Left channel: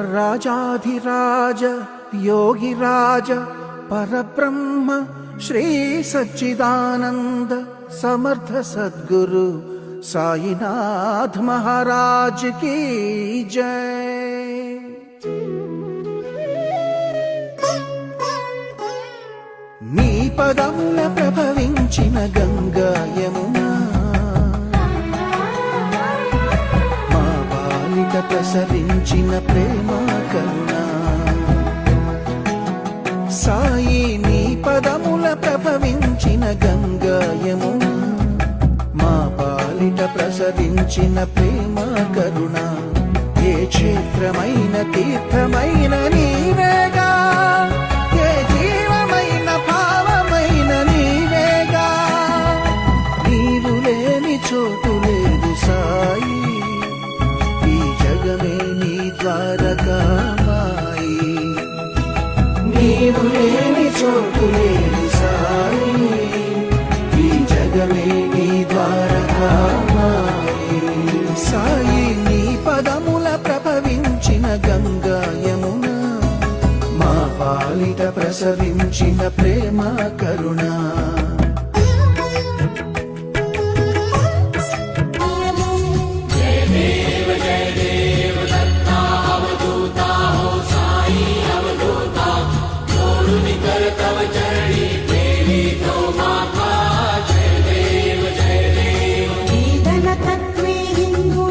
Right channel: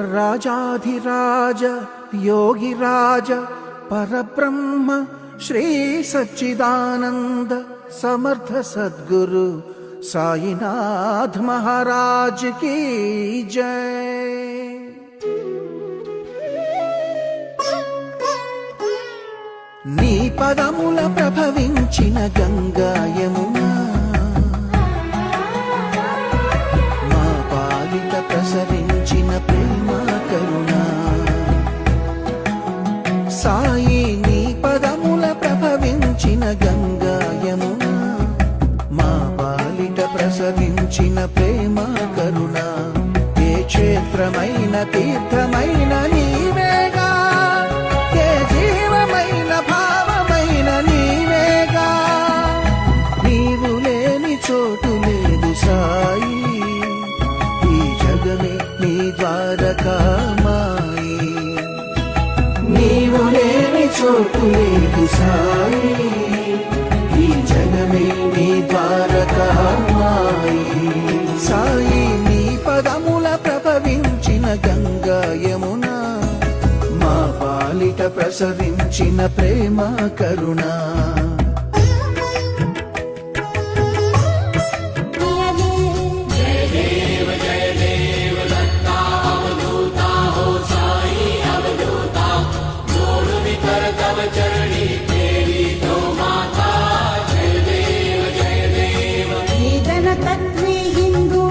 राजाधिराज योगिराज परब्रह्म श्री सच्चिदानंद समर्थ सद्गुरु साईनाथ महाराज की जय। నీ పదముల ప్రభవించిన గంగా యమున మా పాలిట ప్రసరించిన ప్రేమ కరుణ సాయి నీ పదముల ప్రభవించిన గంగా యమున మా పాలిట ప్రసరించిన ప్రేమ కరుణ ఏ క్షేత్రమైన తీర్థమైన నీవేగా ఏ జీవమైన భావమైన నీవేగా నీవు లేని చోటు లేదు సాయి ఈ జగమే నీ ద్వారకామాయి నీవు లేని చోటు లేదు సాయి ఈ జగమే నీ ద్వారకామాయి సాయి నీ పదముల ప్రభవించిన గంగా యమున మా పాలిట ప్రసరించిన ప్రేమ కరుణ वेदन तत्वे हिंदू